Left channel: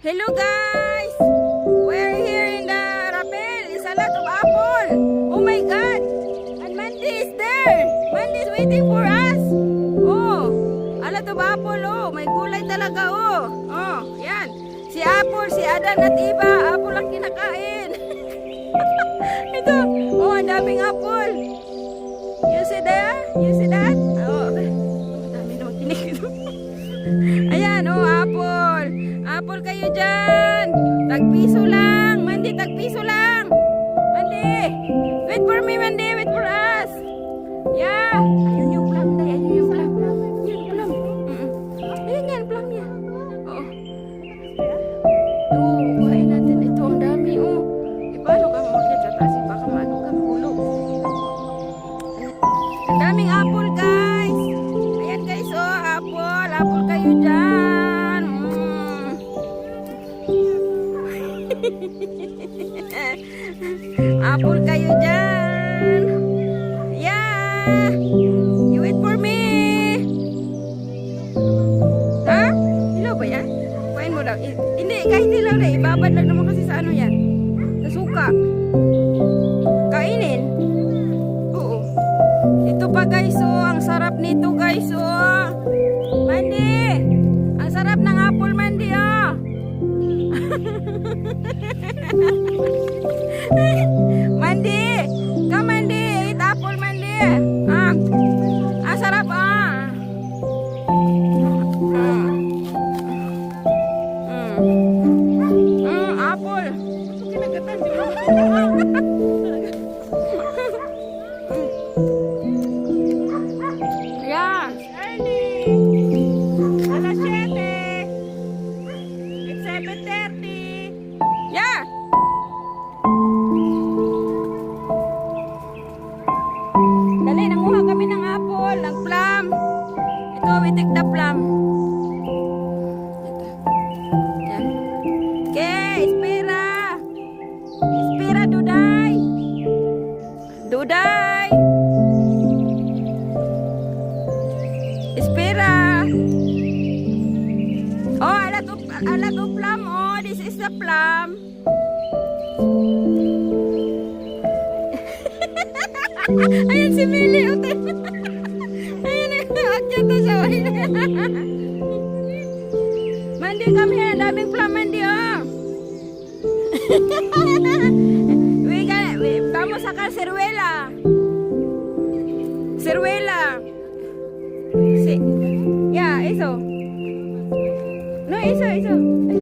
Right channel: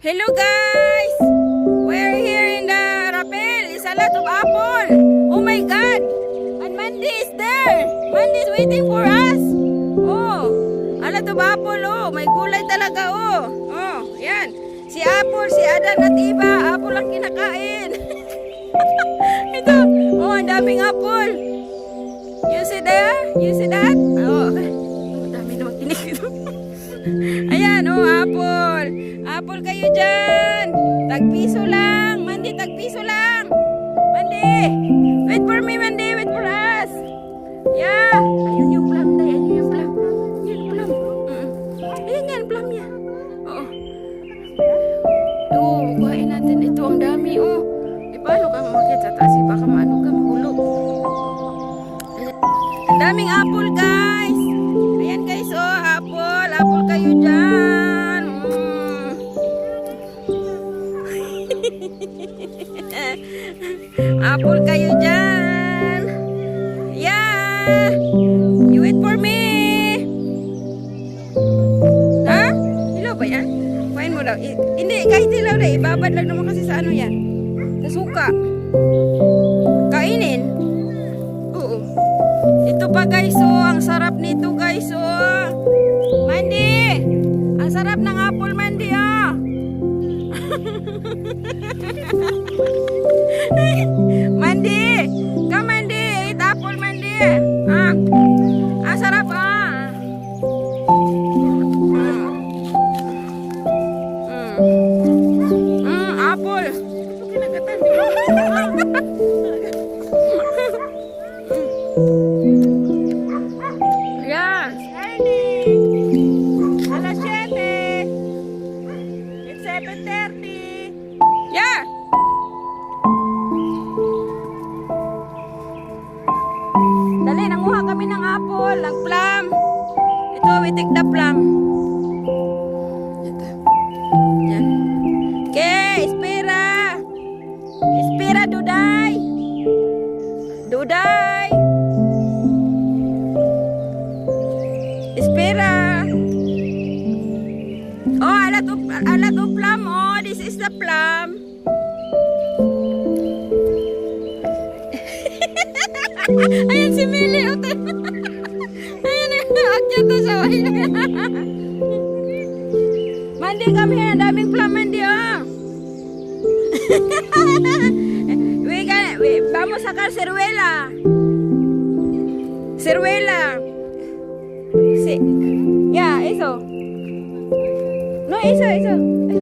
Hello guys! We're here in the Rapel. It's a lot of apple. Oh my God! And Mandy is there. Mandy is waiting for us. Oh, a lot of apple. Oh, may gulay talaga. Oh, oh, yan. Si Apple, si Adan at Iba. Apple ang kinakain. Ito. Oh, ang daming apple. You see there? You see that? Oh, dami naman kinig ito. Ayan, oh, apple. Apple kayo dyan. Tagpiso lang. Mandy, tagpiso lang. Mandy. Wait for me, Mandy. Wait for us. Yeah. Ayun yung plum, day. Ayun yung plum. Ayun yung plum. Ayun yan, plum niya. Oo. Oo, kuhain natin. Ito, ang dami, oh. Paano ka mamakit sa taas? Baka maano ka, mahulog. Ang daming apple, guys. Ayan, guys, oh, apple. Apple kayo dyan. Apple kayo dyan. Yeah. You wait for me. Ha? Hilaw ba yan? Kuhain mo daw. Hindi, kahit hilaw na. Ibabad lang naman kasi sa ano yan. Sa suka. Kainin. Oo. Ito pa guys, oh. Ang sarap nito guys, oh. Mandy. Ang sarap ng apple, Mandy, oh. Mandy. Come, Mandy. Eat apple, Mandy. Ah. Ang sarap, ah. Apple. Kinagatan, di ba? Yan. Alas 7. It's 7:30. Yeah. Dali, nanguha kami ng apple, ng plum. Ito, we take the plum. Yan. Okay, espera. Espera, Duday. Duday. Espera. Oh, a lot of plum. Oh, this is the plum. Ayan si Mili. Ayan, akyat na siya. Mandy, come here. Daming plum, Mandy, oh. Vamos a sacar ciruela. Ciruela. Sí. Ya, eso. No, eso.